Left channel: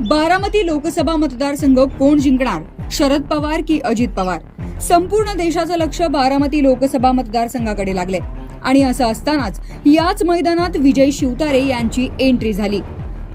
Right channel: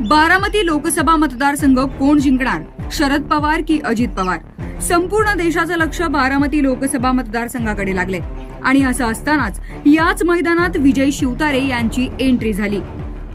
बारामती लोकसभा मतदारसंघ कोण जिंकणार? शरद पवार की अजित पवार? संपूर्ण देशाचं लक्ष बारामती लोकसभा मतदारसंघाकडे लागले आणि असं असतानाच याच मैदानात विजय शिवतारे यांची एंट्री झाली.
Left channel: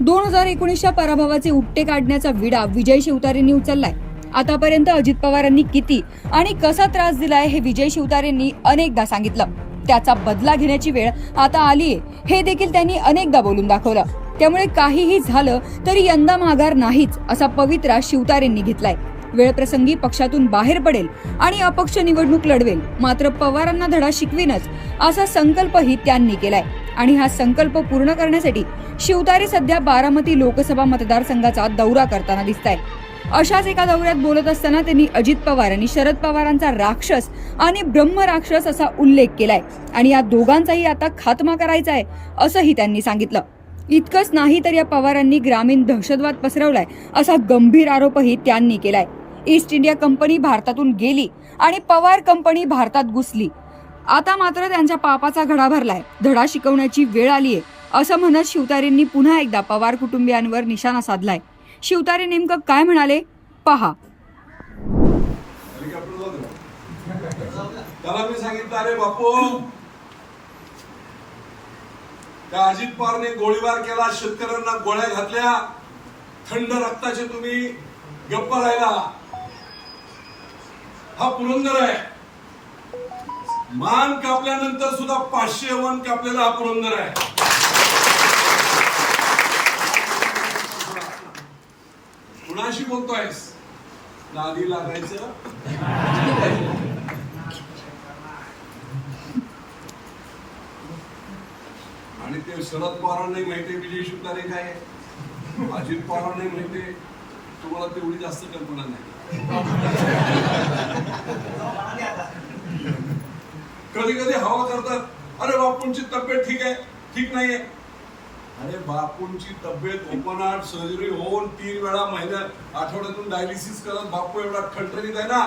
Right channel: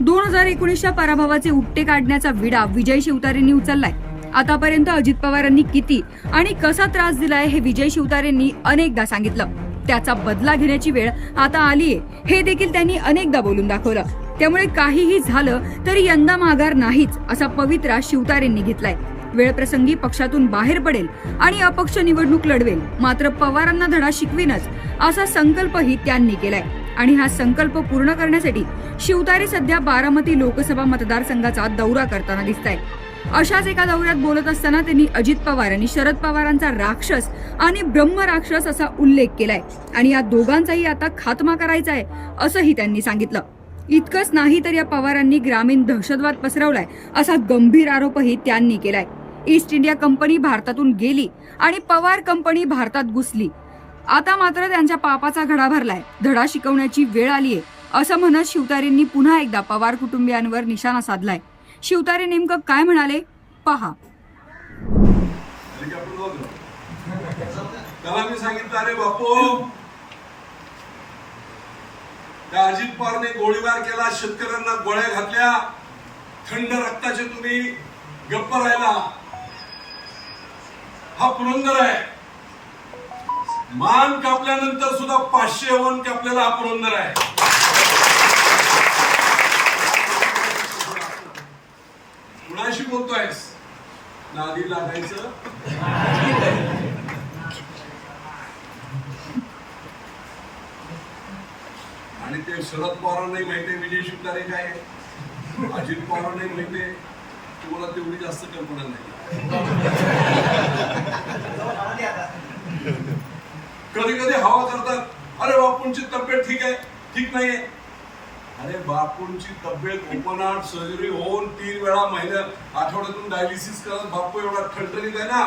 दोन हजार एकोणीसच्या पराभवाचे उपटे काढण्याचा विडा विजय शिवतारेंनी उचललाय. आतापर्यंत अजित पवारांनी किती आणि कसा त्रास दिलाय हे विजय शिवतारेंनी अनेकदा सांगितलं. त्याचा बदला घेण्याची वेळ आता आलीये. हे देखील त्यांनी अनेकदा बोलून दाखवलं. त्यामुळे काहीही झालं तरी यंदा माघार नाहीच असा पवित्रा शिवतारेंनी घेतलाय. वेळप्रसंगी पक्षातून बाहेर पडेल आणि अपक्ष निवडणूक लढवेल मात्र पवारांना धडा शिकवीनच असा संकल्पही त्यांनी केलाय. आणि हा संकल्प पूर्ण करण्यासाठी शिवतारे सध्या बारामती लोकसभा मतदारसंघाचा दौरा करताना दिसत अशाच एका दौऱ्यात बोलत असताना त्यांनी अजित पवार आणि शरद पवारांचा राक्षस आणि ब्रह्म राक्षस असा उल्लेख केलाय. आणि या दोघांचाही आता खात्मा करायचा आहे असंही त्यांनी सांगितलं. इतकंच नाही तर या पवारांनी ग्रामीण दहशतवाद पसरवलाय असा गंभीर आरोपही त्यांनी केलाय. ईस्ट इंडिया कंपनी भारतातून गेली आणि पवार कंपनी भारतात घुसली. आता मात्र त्यांच्या पापाचा घडा भरलाय. धडा शिकवण्याची वेळ आलीये असं म्हणत शिवतारेंनी पुन्हा एकदा पवार कुटुंबियांवर निशाणा साधलाय. शिवतारे नेमकं काय म्हणाले? पहा. त्याला मी सांगितलं? अरे बापू! त्या अजित पवारने गोळीबार केला शेतकऱ्यांना गोळ्या घातल्या. थंड रक्ताचे तुम्ही गप्प राहिला. हा पुरंदर आहे. मान कापल्यानंतर सुद्धा पाचशे वन कापलेला हा पुरंदर आहे. कुणाशी बोलतोयस? नादी लागायचं? आणि ते शरद पवारांनाही आहे विजय शिवकारे काय अजित पवारांनाही माहितीये तुम्हाला तेवढी जास्त कल्पना नाही. कधी कधी हवा करतात अरे बापूंची तब्येत ठीक आहे ठीक नाहीये. अरे बापूंची तब्येत ओपन सर्जरी होऊन तीन वेळा महिन्यात आठवड्यातून डायलिसिस करत बापू एवढा ठणठणीत आहे ना?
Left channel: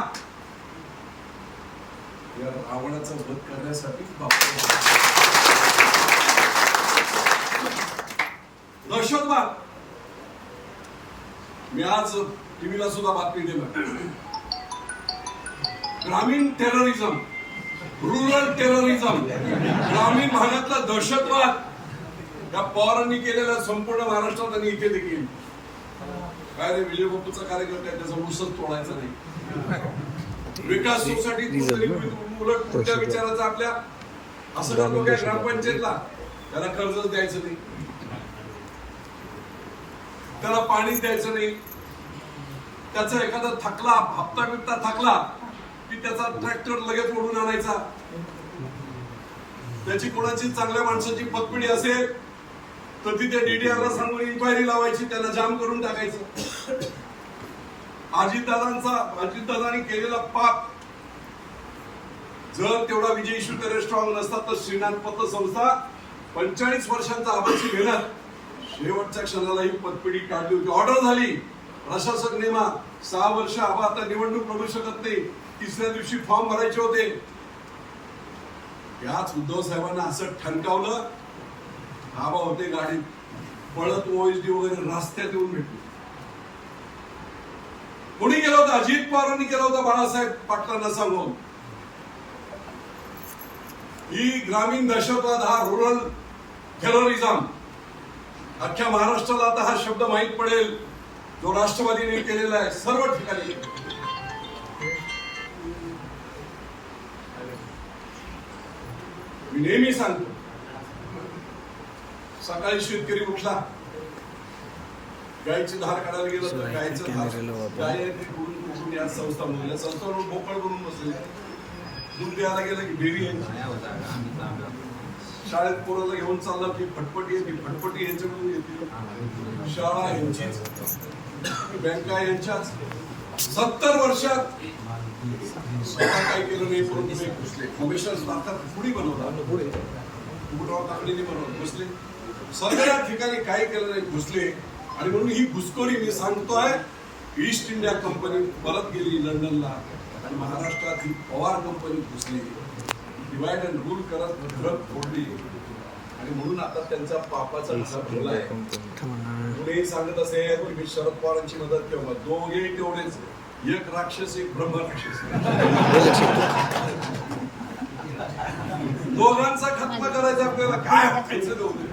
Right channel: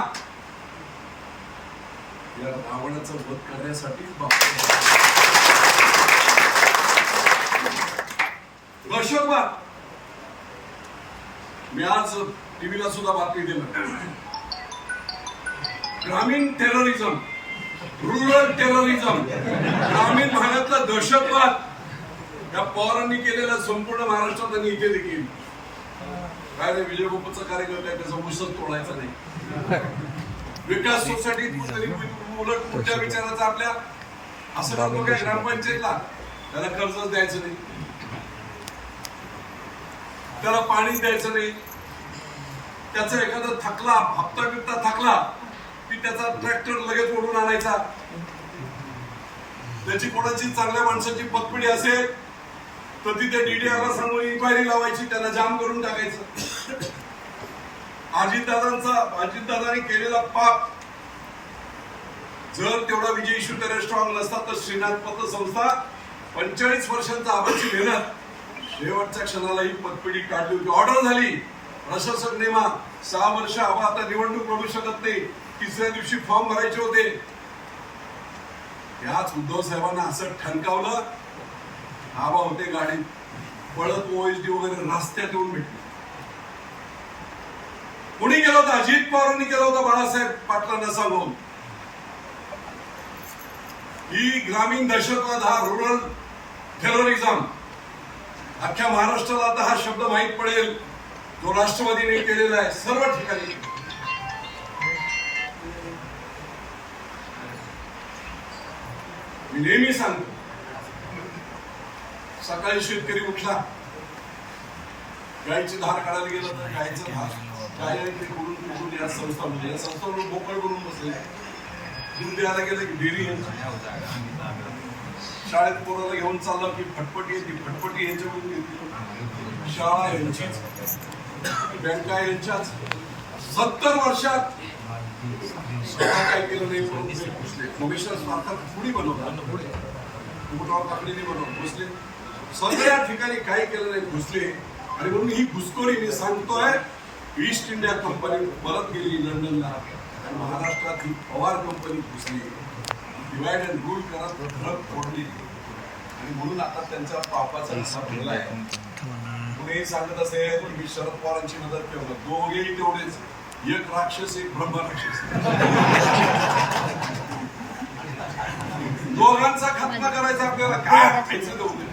या रावणाचा वध करण्यासाठी बापू दहशतवाद. मी आज टीव्हीला सुद्धा बातमी दिलं. ग्रामीण टेररिझम रुरल टेररिझम ग्रामीण भागातला दहशतवाद या पवारांनी केलेला संपूर्ण महाराष्ट्रात आणि इथे देखील. काय रे विजय बापूचा कार्यक्रम आहे त्याचा ऊसच तोडायचा नाही. विकास सोसायटी उलट पुढच्या विचाराचा आपल्या? असं ग्रामपंचायतला त्याला कर्जच द्यायचं नाही. त्याला पाणी द्यायचं नाही. त्याचा एखादा थकला हप्ता बिप्ता थकला की त्याचा ट्रॅक्टर लगेच ओढून आणायचा. त्याची कोणाची चांगल्या माणसाची पतपिढी असेल तर तिथे डीडीआरला सांगून इन्क्वायरी लावायची त्याला जाम करून टाकायचं. अजितदादांचा अजितदादांनी केलेला पाप जर तेवढा विजय इशू तरी स्ट्रॉंग नसता तर श्रीनाथ पतसंस्था पंचेचाळीस वर्षांचा आबाची मेहनत शेवटच्या क्षणाला ही पतपिढी काढली होती. ऑर्डर झाली. प्रशासक नेमा सहा वर्ष आबा आता निवडणूक लढू शकत नाही. तिसऱ्या दिवशी फॉर्म भरायचे होते. त्याच उद्धव साहेबांना असं ठणकावलं. आबा होते गाडीत. पळत ओएसडी वगैरे रस्त्यात येऊन भेटले. कोणी केलं होतं? अजित पवारांनी केलं होतं बाळासाहेब पाटलांना सांगून. ही ग्रामीण दहशतवाद हा रुरल टेररिझम अख्ख्या महाराष्ट्राला आता हा शब्द माहीत पडेल. जो राष्ट्रवादीने केलेला आहे. सर्व ठिकाणी. मी नेहमी सांगतो सकाळी शेतकरी उठला गायची धार काढायला गेलं तर गायचं धार. गाय कुठून कुठून या संस्था म्हणजे या संस्थावर बोकळ करून बसले. दूध द्यायला गेलं की डेअरी यांची. शाळेत पोराला घेऊन चालला की फटफटी येते फटफटी यांच्याकडून घेतली शाळा यांचीच. बँका यांच्याच. सत्तर वर्षात स्वतः काय केलं नाही परंतु ते घुसले. कमिशनर भारतात पुढे बनवतात कुठं टाकलेली बनवत घुसले. सगळ्या ठिकाणी काय केलं नाही घुसले. आणि म्हणून ही घुसखोरी मी सांगतोय ईस्ट इंडिया कंपनी परत गेली लंडनला. आणि महाराष्ट्रात ही पवार कंपनी घुसली. डिवाइड अँड रूल करत ड्रग फोडली. आणि म्हणून आता त्यांचा पापाचा असा भरला आहे कोणीही सांगत असेल की मी शरद पवारांची मदत केलं दोघेही तेवढेच. एक राक्षस एक ब्रह्म राक्षस. दोघांचा खत्म करायचा आपल्याला काय वाटायचं ते होते.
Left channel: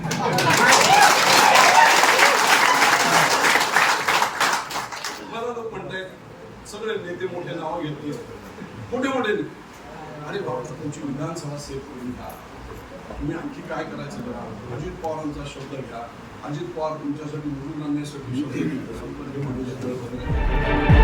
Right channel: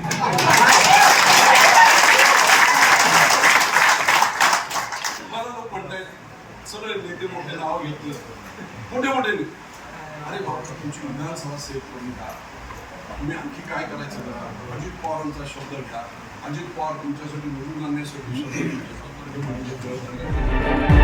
मला लोक म्हणतायत सगळे नेते मोठे नाव घेतले. मोठे मोठे नेते. अरे भाऊ तुमची विधानसभा सेव्ह करून घ्या तुम्ही आणखी काय करायचं करा अजित पवारांचा शब्द घ्या अजित पवार तुमच्यासाठी निवडून आणण्यासाठी शब्द